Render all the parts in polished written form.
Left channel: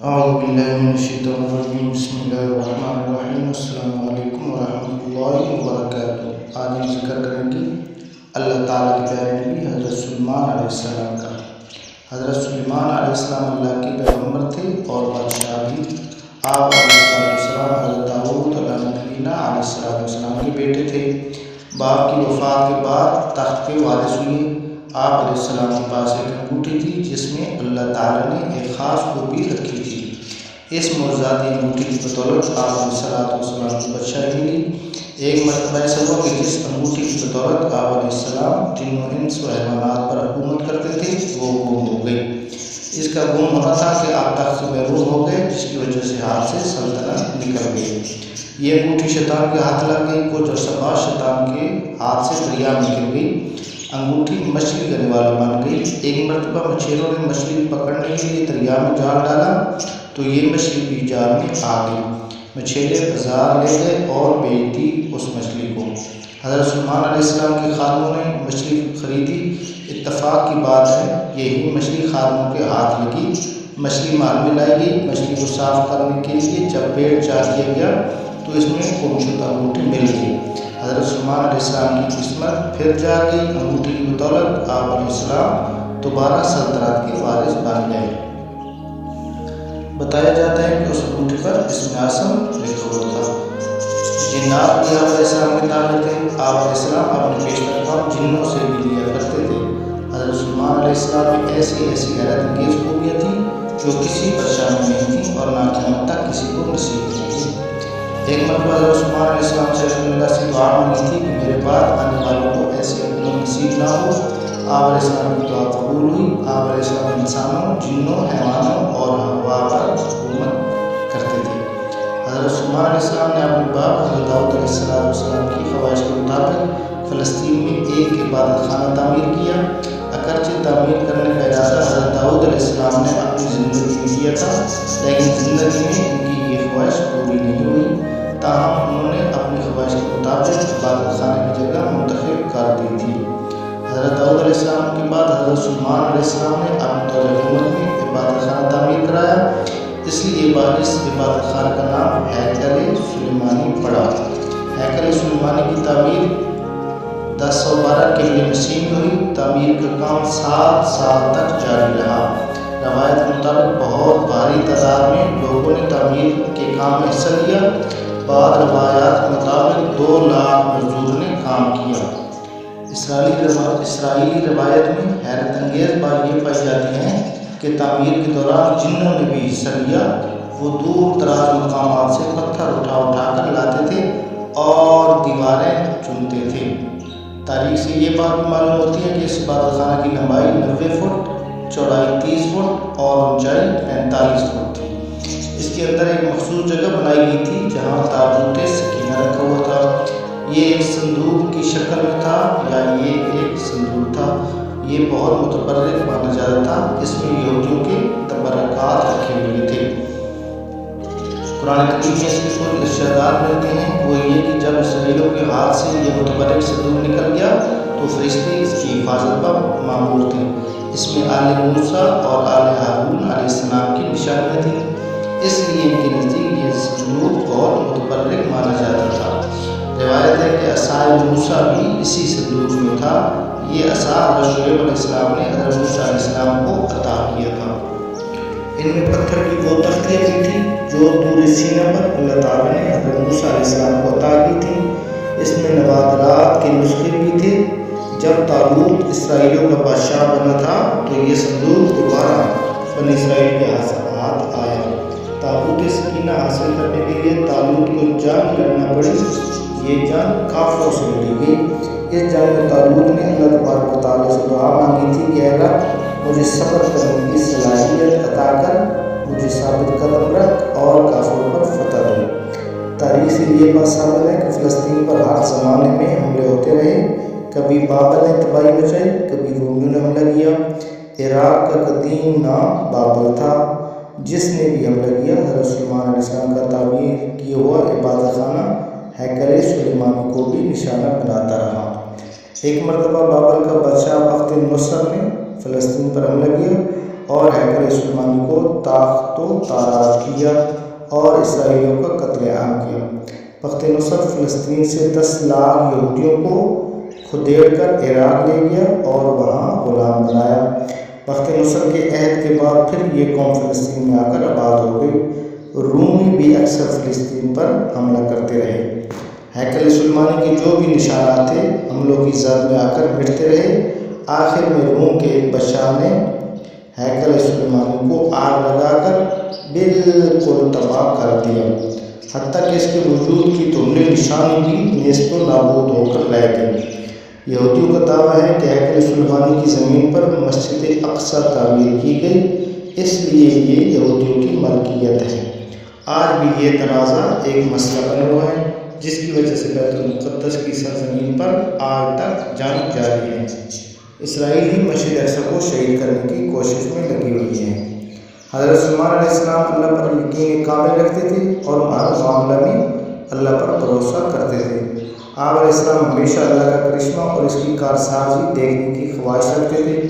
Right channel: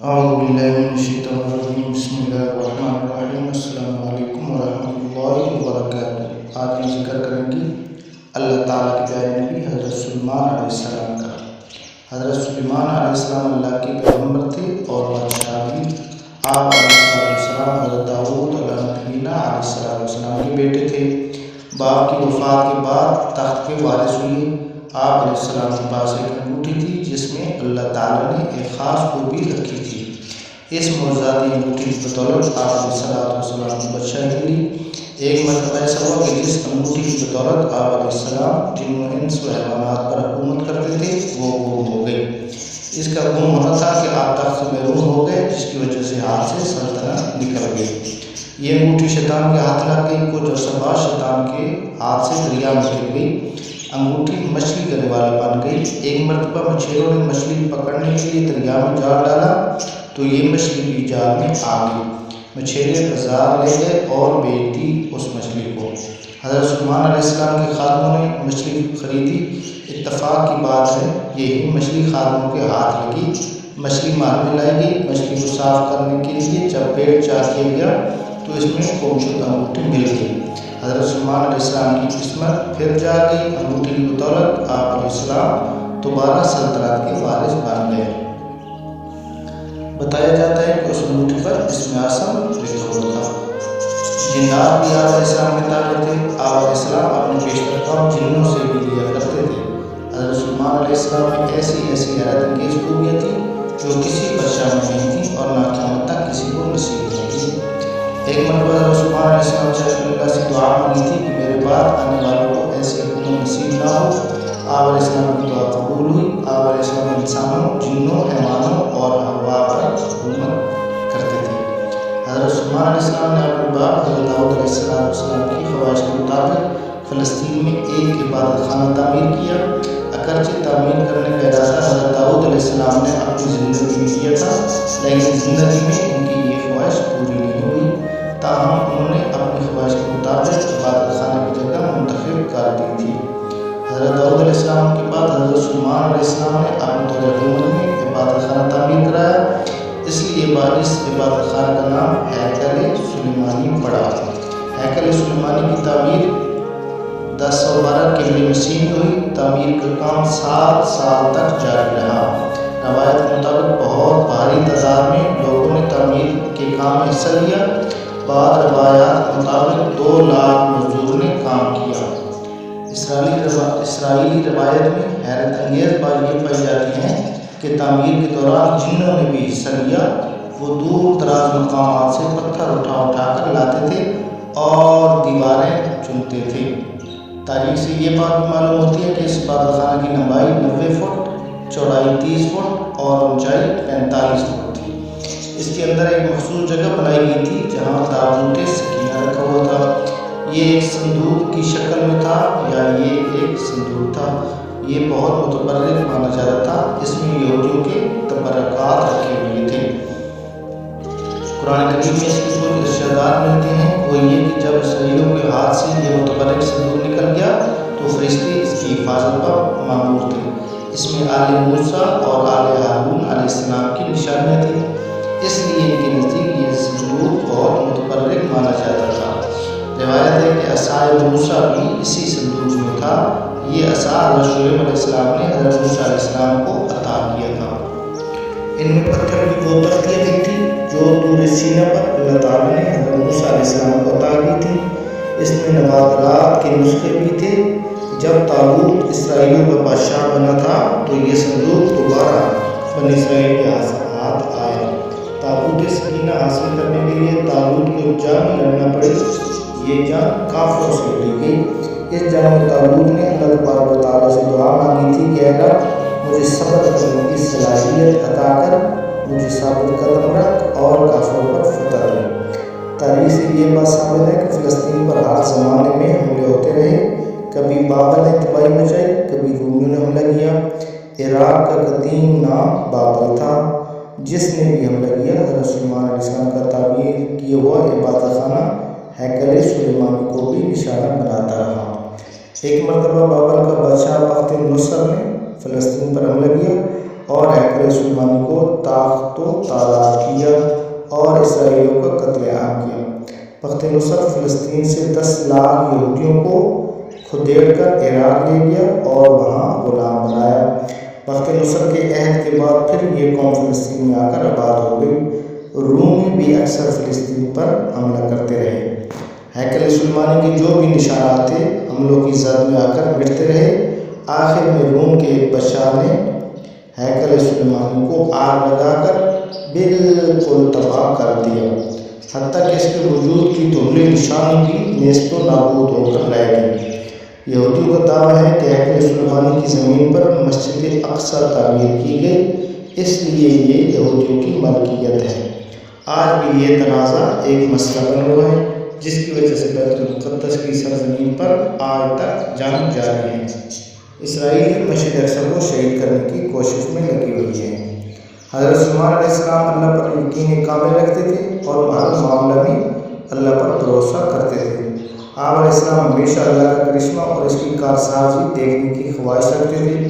اعوذ باللہ من الشیطان الرجیم بسم اللہ الرحمن الرحیم السلام علیکم ورحمۃ اللہ وبرکاتہ۔ آج ہم ذکر کریں گے اللہ تعالیٰ کے پیارے نبی حضرت سلیمان علیہ السلام کا۔ حضرت سلیمان علیہ السلام اللہ کے پیغمبر تھے اور بادشاہ بھی۔ آپ علیہ السلام حضرت داؤد علیہ نبینا علیہ السلام کے بیٹے تھے۔ باپ کی وفات کے بعد تخت کے وارث ہوئے۔ آپ علیہ السلام کے پاس ایک انگوٹھی تھی جس میں اللہ تعالیٰ نے ایک خاص خوبی رکھی تھی۔ اس معجزاتی انگوٹھی کی بدولت آپ علیہ السلام کی بادشاہی ملی۔ ایک مرتبہ ایسا ہوا کہ جس انگوٹھی کی بدولت آپ علیہ السلام جن و انس و حیوانات پر حکومت کرتے تھے وہ گم ہو گئی۔ اس کا گم ہونا تھا کہ آپ تخت سے محروم ہو گئے، جس کی وجہ سے ہاتھ سے سلطنت نکل گئی۔ یہ انگوٹھی شیطان کے ہاتھ لگ گئی۔ کچھ عرصہ بعد شیطان کے ہاتھ سے دریا میں گر گئی۔ انگوٹھی مچھلی کرنے والا بن گئی۔ ایک مرتبہ مچھیروں نے مچھلی پکڑنے کے لیے دریا میں جال ڈالا تو یہ مچھلی بھی جال میں آ گئی۔ مچھیرے بازار لے گئے اور بیچ دی اس مچھلی کو۔ حضرت سلیمان علیہ السلام کے خادموں نے مچھلی خریدی۔ اتفاق کی بات ہے یہی مچھلی خادموں کے ہاتھ لگی۔ مچھلی محل میں لائی گئی۔ مچھلی کو صاف کرنے کے لیے جب پیٹ چاک کیا گیا تو اس میں گمشدہ انگوٹھی مل گئی۔ حضرت سلیمان علیہ السلام کی قسمت پھر جا گئی۔ انگوٹھی کی بدولت آپ علیہ السلام دوبارہ سلطنت کے وارث بن گئے۔ بتایا جاتا ہے کہ اس انگوٹھی پر اسم اعظم لکھا ہوا تھا۔ جنات بھی آپ علیہ السلام کے تابع تھے۔ آپ علیہ السلام اپنے پیشتر کام جنوں سے بھی لیا کرتے تھے۔ حضرت سلیمان علیہ السلام میں ایسی حیرت انگیز خوبیاں تھیں جو کسی بادشاہ میں نہیں تھیں اور نہ قیامت تک کسی کو نصیب نہیں تھی۔ ایک مرتبہ حضرت سلیمان علیہ السلام سے اللہ سے دعا مانگی تھی کہ میرے بعد آنے والوں کو ایسی حکومت نصیب نہ ہو۔ آپ علیہ السلام کی دعا قبول ہوئی۔ آپ علیہ السلام انسانوں، جنوں، حیوانوں اور ہوا پر حکومت کرتے تھے۔ حضرت سلیمان علیہ السلام نے اپنے باپ حضرت داؤد علیہ السلام کی خواہش کے مطابق فلسطین میں ایک عبادت خانہ تعمیر کیا۔ اگرچہ تعمیر کرنے کا ارادہ حضرت داؤد علیہ السلام نے اپنی زندگی میں کیا تھا، لیکن زندگی میں ان کی یہ خواہش پوری نہیں ہوئی۔ تاہم انہوں نے اپنی خواہش کے مطابق عبادت خانہ کی جگہ منتخب کر دی تھی۔ حضرت داؤد علیہ السلام کے بعد حضرت سلیمان علیہ السلام نے اپنے دور حکومت میں عبادت خانہ تعمیر کرایا۔ اس لیے اس عبادت خانہ کا نام ہیکل سلیمانی پڑا۔ ہیکل سلیمانی کی تعمیر 1012 قبل مسیح میں ہوئی۔ تعمیر کا کام 7 سال تک جاری رہا۔ روایت کے مطابق بہت بھاری تعداد میں لوگوں نے تعمیر کے کام میں حصہ لیا۔ بعض روایات کے مطابق 2 لاکھ مزدوروں نے کام کیا۔ اسرائیلی روایت میں حیرت انگیز بات یہ پائی جاتی ہے کہ تعمیر کے دوران جنوں نے بھی حصہ لیا۔ وہ دور دراز مقامات سے پتھر اٹھا کر لاتے تھے اور دیواریں چنتے تھے۔ تاریخ سے یہ بات بھی معلوم ہوتی ہے کہ اس عبادت خانہ کی لمبائی 90 فٹ، چوڑائی 30 فٹ اور اونچائی 45 فٹ تھی۔ اس کے اندر ایک مخصوص جگہ بنائی گئی تھی جہاں تابوت سکینہ رکھا ہوا تھا۔ یہ ایک صندوق کی شکل میں تھا یا یہ ایک صندوق تھا، یہ بہت متبرک مانا جاتا تھا۔ اس میں یہودیوں کے تبرکات رکھے ہوئے تھے۔ قرآن کریم میں اس کے کچھ ارشادات ملتے ہیں۔ وہ یہ کہ جب اسرائیلیوں کے ہاتھ سے یہ متبرک صندوق نکل گیا تو فرشتے اس کی حفاظت پر مامور تھے۔ اس میں آل موسیٰ اور آل ہارون علیہ السلام کی نشانیاں تھیں، اس لیے ان کے نزدیک یہ صندوق بہت متبرک مانا جاتا تھا۔ روایت ہے کہ عصائے موسیٰ بھی اسی صندوق میں تھا۔ یہ عصا حضرت شعیب علیہ السلام نے حضرت موسیٰ علیہ السلام کو عطا کیا تھا۔ ان میں پتھر کی وہ تختیاں بھی تھیں جو طور سینا پر اللہ تعالیٰ نے حضرت موسیٰ علیہ السلام کو عطا کی تھیں۔ اس میں نوادرات کے نسخے بھی تھے۔ جب طالوت اسرائیلیوں کا بادشاہ بنا تھا تو یہ صندوق دوبارہ بنی اسرائیل کے ہاتھ آیا۔ تابوت سکینہ حاصل کرنے کے لیے طالوت کو جنگ لڑنا پڑی۔ یہ جنگ کافروں سے لڑی گئی۔ اس جنگ میں طالوت نے اللہ تبارک و تعالیٰ سے دعا مانگی تھی کہ اے رب مجھے صبر کرنے کی صلاحیت عطا کر، مجھے ثابت قدم رکھ اور کافروں پر فتح دے۔ تاریخ سے یہ بات ثابت ہے کہ فلسطین پر ہر زمانے میں حملے ہوتے رہے۔ کبھی بابل نے تباہی مچائی، کبھی رومیوں نے حملہ کیا۔ عراق کا قدیم نام بابل تھا۔ جس نے بھی حملہ کیا حضرت سلیمان علیہ السلام کا تعمیر کیا ہوا عبادت خانہ ہیکل سلیمانی کو بھی نشانہ بناتا رہا۔ ایک مرتبہ بابل کا بادشاہ بخت نصر نے فلسطین پر حملہ کیا اور ہیکل سلیمانی کو تاخت و تاراج کیا اور اسرائیلیوں کا قتل عام کیا۔ بخت نصر فلسطین سے 10 لاکھ یہودیوں کو کھدیڑ کر عراق لے گیا اور وہاں غلام بنایا۔ بخت نصر کے عہد کے بعد پھر یہ قوم فلسطین میں آ کر آباد ہو گئی۔ رومی بھی اکثر فلسطین پر حملہ کرتے رہے۔ ہیکل سلیمانی کے جو بھی نشانات تھے حملوں کی زد میں آ کر مٹتے رہے۔ آخر میں روم کے ایک بادشاہ نے ہیکل سلیمانی کو آگ لگا کر بالکل تباہ کر دیا، حتیٰ کہ اس کے وجود کی دھندلی نشانی بھی نیست و نابود ہو کر رہ گئی۔ یہودیوں کا دعویٰ ہے کہ ہیکل سلیمانی کی زمین پر مسجد اقصی تعمیر کی گئی، اس لیے یہ یہودیوں کی ملکیت ہے۔ آج بھی یہ تنازع ایک مسئلہ بنا ہوا ہے، جس کی وجہ سے بیت المقدس کی سرزمین پر آج تک جنگ جاری ہے۔ اسرائیلی مسجد اقصی کو شہید کرنے کی کوشش میں لگی ہوئی ہیں۔ حضرت سلیمان علیہ السلام اللہ پر یقین کامل رکھتے تھے اور ہر معاملہ میں اللہ پر بھروسہ کرتے تھے۔ آپ علیہ السلام ہمیشہ اللہ کا کرشمہ اور اس کی کارسازی دیکھنے کی خواہش رکھتے تھے۔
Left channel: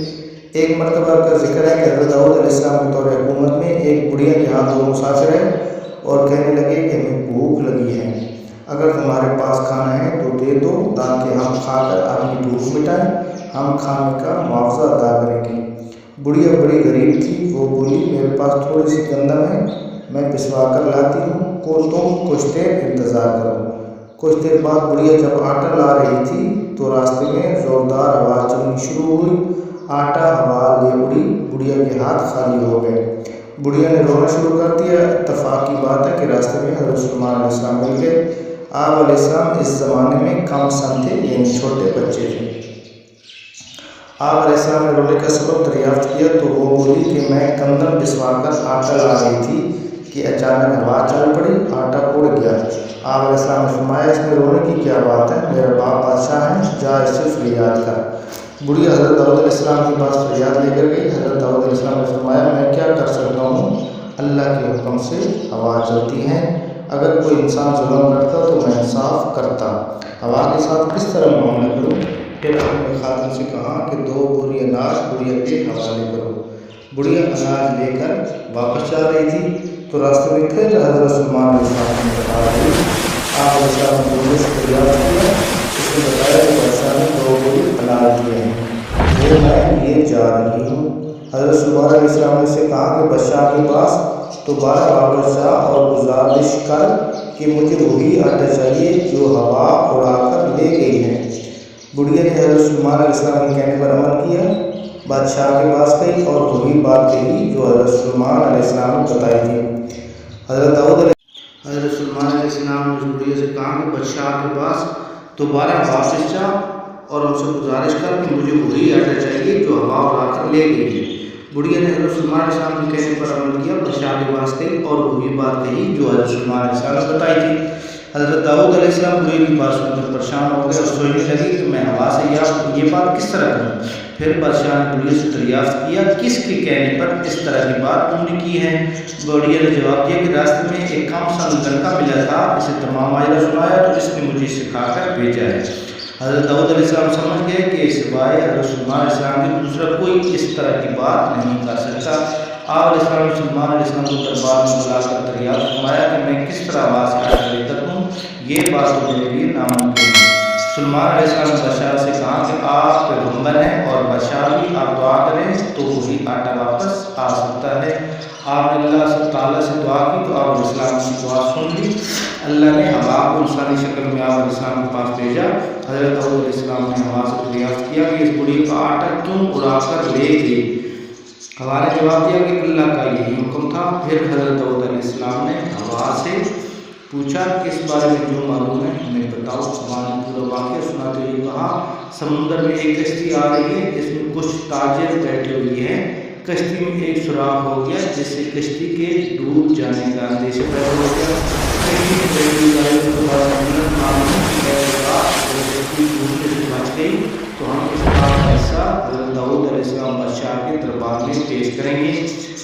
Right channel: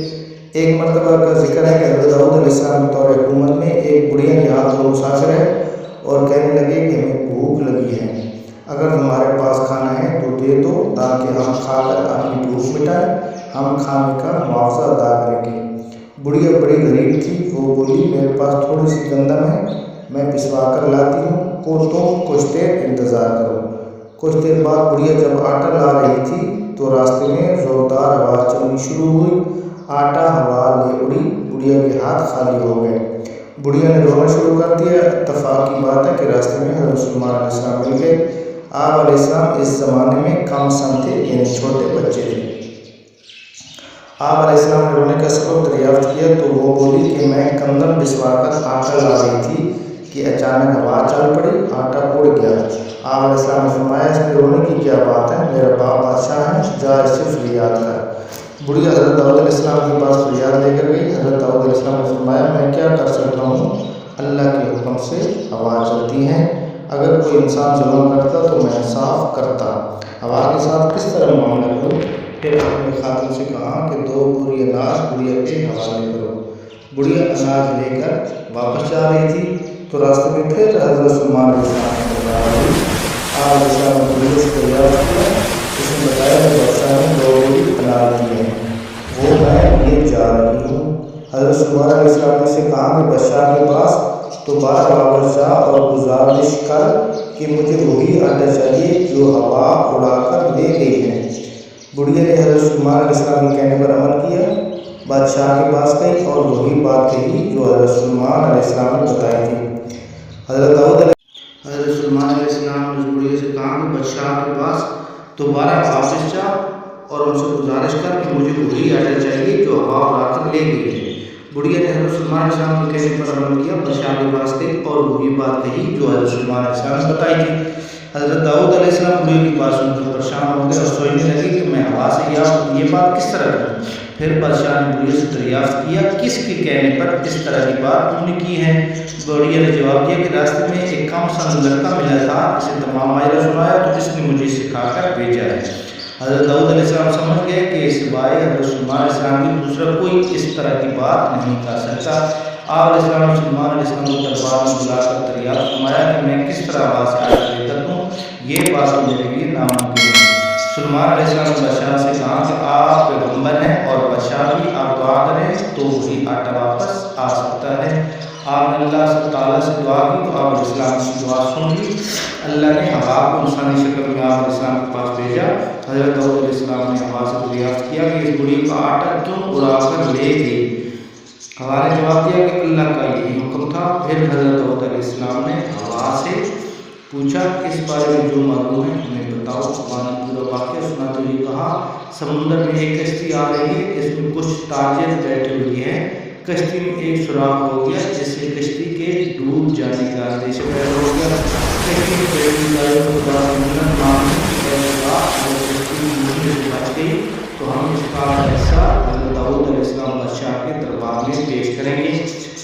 ایک مرتبہ کا ذکر ہے کہ حضرت داؤد علیہ السلام کے دور حکومت میں ایک بڑھیا کے ہاں 2 مسافر ہیں اور کہنے لگے کہ ہمیں بھوک لگی ہے، اگر تمہارے پاس کھانا ہے تو دے دو تاکہ ہم کھا کر اپنی بھوک مٹائیں، ہم کھانے کا معاوضہ ادا کریں گے۔ بڑھیا بڑی غریب تھی، وہ بولی میرے پاس تھوڑی سی گندم ہے، میں پسوا کر لاتی ہوں، تم کچھ دیر انتظار کرو۔ کچھ دیر بعد بڑھیا جب آٹا لا رہی تھی تو راستے میں زوردار ہوا چلنی شروع ہوئی، آٹا ہوا لے اڑی، بڑھیا کے ہاتھ خالی ہو گئے۔ بڑھیا نے رونا شروع کر دیا۔ اتفاق کی بات ہے کہ راستے میں حضرت سلیمان علیہ السلام مل گئے۔ آپ علیہ السلام اس زمانے میں کم سن تھے، یعنی چھوٹے بچے تھے۔ آپ علیہ السلام نے رونے کا سبب دریافت کیا تو وہ بولی کہ میں گندم پسوا کر آٹا لا رہی تھی کہ اچانک ہوا چل پڑی، آٹا اڑ گیا۔ آپ علیہ السلام نے فرمایا اس میں رونے کی کیا بات ہے، میرا باپ بادشاہ ہے، جا اس سے فریاد کر۔ بڑھیا حضرت داؤد علیہ السلام کے پاس فریاد لے کر گئی۔ حضرت داؤد علیہ السلام نے فرمایا میں کیا کر سکتا ہوں، اللہ کے حکم سے ہوا چلتی ہے، اگر کوئی انسان ظلم کرتا تو میں انصاف کرتا، ہوا کے ساتھ کس طرح معاملہ کروں۔ پھر اپنے خاتون سے کہا کہ 2 بوری اناج بڑھیا کے حوالے کرو۔ بڑھیا اناج لے کر واپس جا رہی تھی تو راستے میں پھر حضرت سلیمان علیہ السلام کی ملاقات ہوئی۔ آپ علیہ السلام نے بڑھیا سے دریافت کیا، اس نے بتایا کہ بادشاہ نے 2 بوری اناج دیے ہیں، وہ میں لیے جا رہی ہوں۔ حضرت سلیمان علیہ السلام نے اسے کہا کہ بادشاہ کے پاس دوبارہ واپس جا اور گزارش کر کہ مجھے وہی آٹا چاہیے جو ہوا اڑا کر لے گئی ہے۔ بڑھیا نے حضرت سلیمان علیہ السلام کے کہنے پر عمل کیا، بادشاہ کے پاس گئی اور وہی بات کہی جو حضرت سلیمان علیہ السلام نے بتائی تھی۔ حضرت سلیمان علیہ السلام نے اس بڑھیا سے کہا کہ بادشاہ کے پاس دوبارہ واپس جا اور ان سے گزارش کر کہ مجھے وہی آٹا چاہیے جو ہوا اڑا کر لے گئی ہے۔ بڑھیا نے حضرت سلیمان علیہ السلام کے کہنے پر عمل کیا، بادشاہ کے پاس گئی اور وہی بات کہی جو حضرت سلیمان علیہ السلام نے بتائی تھی۔ حضرت داؤد علیہ السلام بڑھیا کی بات سن کر پریشان ہو گئے اور سوچنے لگے کہ میں ہوا سے یہ بات کس طرح کروں۔ پھر بادشاہ نے بڑھیا سے دریافت کیا کس کے کہنے پر اس طرح کی بات تم نے کی ہے۔ بڑھیا نے جواب دیا کہ راستے میں ایک کم سن لڑکا ملا تھا، اسے تمام ماجرا سنایا تو اس نے مجھے سکھا کر بھیجا ہے۔ حضرت داؤد علیہ السلام سمجھ گئے کہ سوائے حضرت سلیمان علیہ السلام کے دوسرا کوئی اس طرح کی بات نہیں کر سکتا۔ آپ علیہ السلام نے سلیمان علیہ السلام کو دربار میں بلا کر دریافت فرمایا کہ میں کس طرح وہاں سے آٹا لے کر دوں، یہ بات تو میرے لیے ناممکن ہے۔ سلیمان علیہ السلام نے بادشاہ سے کہا کہ آپ پیغمبر ہیں اور بادشاہ بھی، آپ دعا کریں تو وہی آٹا واپس آ سکتا ہے۔ آپ نے اللہ تعالیٰ سے دعا کی تو آپ علیہ السلام کی دعا سن لی، اللہ نے ہوا کو انسانی شکل میں آپ علیہ السلام کے پاس بھیجا۔ حضرت داؤد علیہ السلام نے ہوا سے دریافت کیا کہ اس بڑھی کا آٹا کیوں اڑا کر لے گئی۔ ہوا نے جواب دیا کہ اللہ کا یہی حکم تھا۔ پھر حضرت داؤد علیہ السلام نے ہوا سے پوچھا کہ اس بارے میں جو معلوم ہے ہمیں بتاؤ۔ ہوا نے پورا واقعہ سناتے ہوئے کہا سمندر میں ایک کشتی آ رہی ہے، اس میں کچھ تاجر بیٹھے ہوئے ہیں، کشتی میں ایک سوراخ ہو گیا جس سے کشتی کے ڈوب جانے کا اندیشہ پیدا ہو گیا۔ کشتی میں بیٹھی گاڑیوں کے پاس کشتی ڈوبنے سے بچ گئی تو ہم اس کا حصہ حضرت داؤد علیہ السلام بادشاہ کے دربار میں پیش کریں گے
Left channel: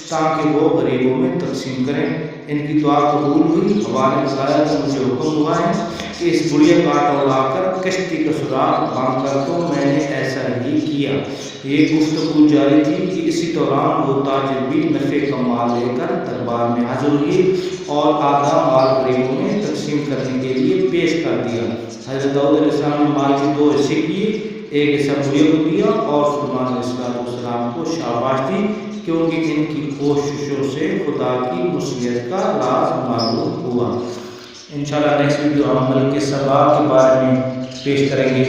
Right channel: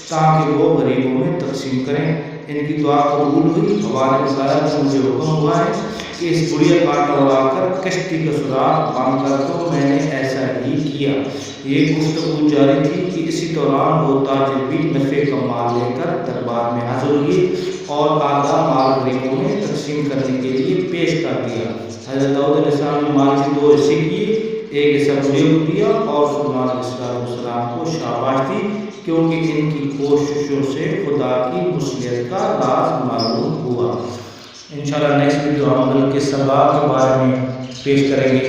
تاکہ وہ غریبوں میں تقسیم کریں۔ ان کی دعا قبول ہوئی۔ ہوا نے بتایا کہ مجھے حکم ہوا ہے کہ اس بڑھیا کانٹا اڑا کر کشتی کا سراغ بند کر دو، میں نے ایسا ہی کیا۔ یہ گفتگو جاری تھی کہ اسی دوران وہ تاجر بھی نفع کا مال لے کر دربار میں حاضر ہوئے اور آدھا مال غریبوں میں تقسیم کرنے کے لیے پیش کر دیا۔ حضرت داؤد علیہ السلام نے مال کے 2 حصے کیے، ایک حصہ بڑھیا کو دیا اور سلیمان علیہ السلام کو شاباش دی کیونکہ ان کی کوششوں سے خدا کی مصلحت کا راز معلوم ہوا۔ انشاءاللہ نیکسٹ ویڈیو ہم ملک سبا کے بارے میں پیش کریں گے۔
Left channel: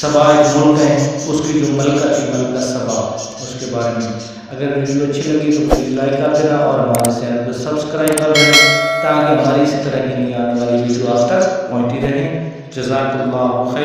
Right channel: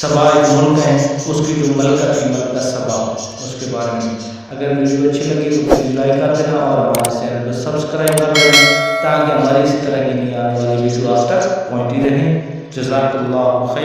سبا ایک ملک ہے، اس کی جو ملکہ تھی ملکہ سبا، اس کے بارے میں۔ اگر ویڈیو اچھی لگی تو پلیز لائک کر دینا اور ہمارے چینل کو سبسکرائب کر دینا تاکہ ہماری اسی طرح کی نئی آنے والی ویڈیو آپ تک پہنچتی رہیں۔ جزاک اللہ خیر۔